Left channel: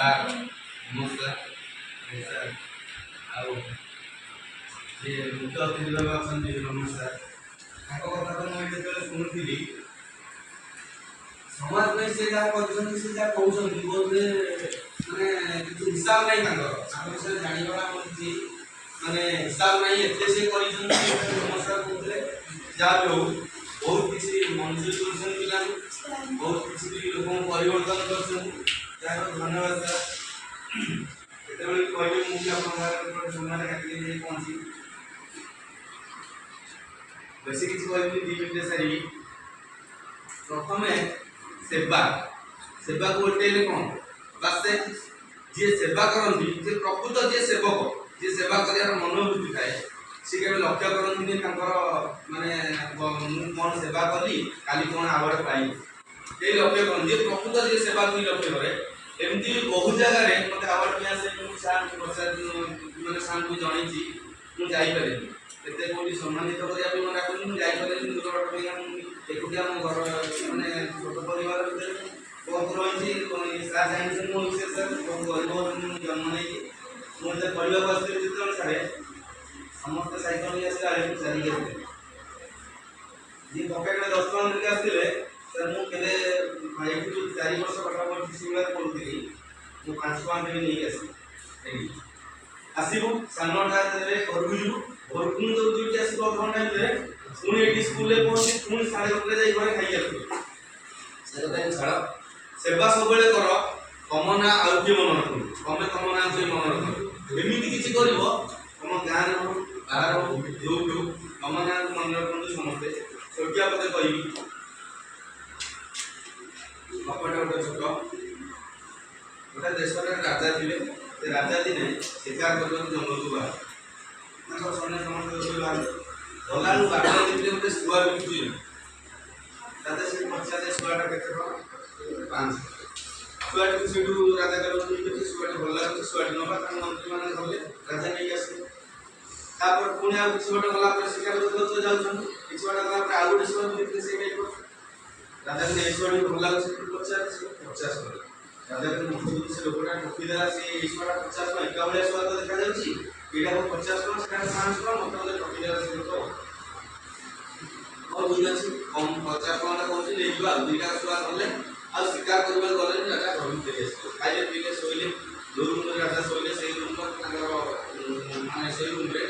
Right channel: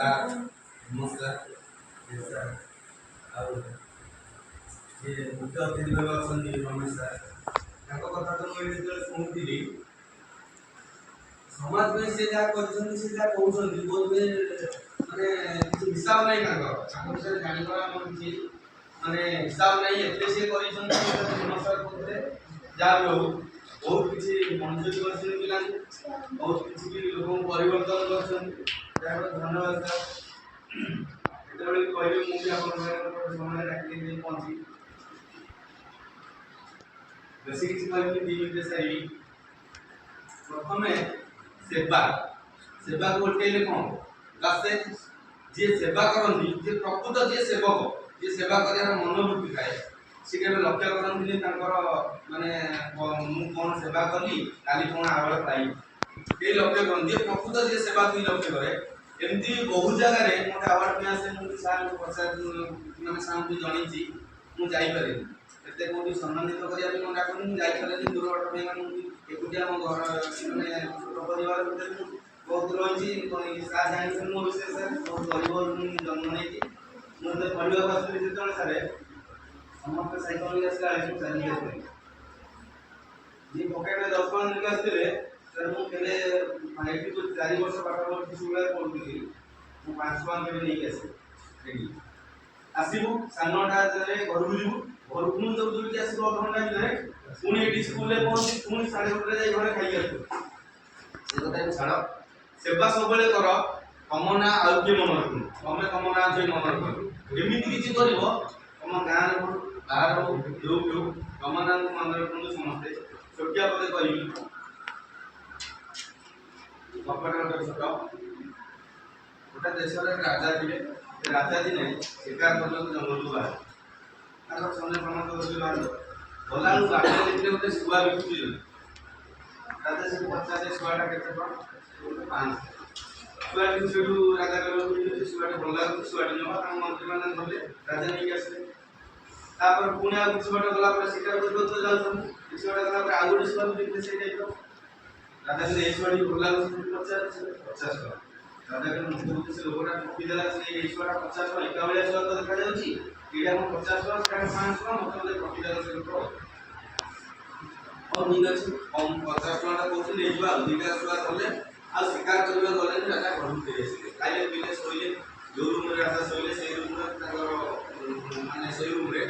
sir ନମସ୍କାର sir ଆଉ ଯେ ମୁଖ୍ୟ ଅତିଥି ଭାବେ ଅଛନ୍ତି ରମେଶ ସାର୍ ତାଙ୍କ କଥା ତ ମୁଁ ଯେତେବେଳେ ଶୁଣୁଥିଲି ସମାଜ ପାଇଁ ସେ ଯାହା କରିଛନ୍ତି ସେ ଯାହା କହୁଛନ୍ତି ବୋଧେ ମାନେ କିଛି ହିସାବ ନାହିଁ ତାଙ୍କ ବିଷୟରେ ଜାଣିବାର ଆମର କିଛି ମାନେ ହିସାବ ନାହିଁ ଏତେ ସେ କରିଛନ୍ତି ରମେଶ ସାର୍ କହୁଥିଲେ ଯାହା ବି ହଉ ବହୁତ କିଛି ମଞ୍ଜୁର କରିଛନ୍ତି ପିଲାଙ୍କୁ बहुत किसी लोगों को परिवर्तन कर धन्यवाद सर केतबेले कहली मुझे अपन समय डाकली पहुंची बेसी किसी कहली 2 मिनिट सारी प्रथम सेवा सेवा को उठेले कौन बस जे सेवा करंती जे प्रकृत जे सेवक जे सेवा करियार मनोवृत्ति थाए से केबे लक्ष्य करंती माने मु कोन सेवा कली काली कोन आवार्ड पाई ये लक्ष्य कौन जे प्रकृत जे सेवा की लक्ष्य करे एमती भी बहुत जगह रे मते अवार्ड पे आसे मु सार प्रसाद माने सार को जणी छी मु जाई पारे एते कोडी सम्मानित करिया पे मन डाकनी मु जाई पारे दूर बाट पे मु एकुटिया मो घर माने छोट परिवार भीतर बहुत रही छी सा जानि मो विशेष बहुत गरीब जन्म नै मु एते परिवार वास्ते जितन सारे समस्त साइकिल आसे आले चली गए जी पॉकेट में 10 टका लेके आस्तिले सर मु केले फाइव टू 4 वर्ष पाठा पढ़ी स्कूल पढ़ुଥିଲି मु 5 टका देबे नहीं आसी आसीबो सानोटा रे घरକୁ ଯିବୁ घरକୁ जो दुईटी आसीबो घंटा भिତରେ पुणी एटी स्कूल रे पहुंची पुणी 8:30 रे जाई घरे खाई आसु से କଥା छाड़ सेवा सबले कर कमना आउ के मन रखु तमे कमना आउ मन रखु एमिति किछि करिवो तम गां रे बाहर जो कमना मन रखु समस्त छोटिया पदे कहिबी कपट छोट गोटे देश राजा थे राजा दिने शिकार कर जंगल को बाहर सैन्य समस्त बाहर गला बाट देखिए गोटे शुआ बिकुची राजा से पचारे शुआटा के 500 शुआटी से राजा कहते शुआटी भल लगे शुआटी नवा मंत्री मैंने धरले राजा नहीं आसे तापर पुणी आ किसी बाटे गला शिकार कर जाऊँ किसी बाटे गला आउ गोटे शुआ देखते से राजा के एक शुआटी भल लगे 50 राजा के मुख्य से लोकटा ठकीदेला से शुआटा 50 एका बेला शुआ तो देखा जाउची एटा 50 सेटा 500 मत ठकीदेला से लोक और ठीक अच्छे कम 50 टका कहते लेबा दुईटा शुआ धरले आ शिकार करबे गले राजा घर फेरी आसले खाइले पीले सोइले जो रूम रे राजा सोइले से रूम रे माने से रूम रे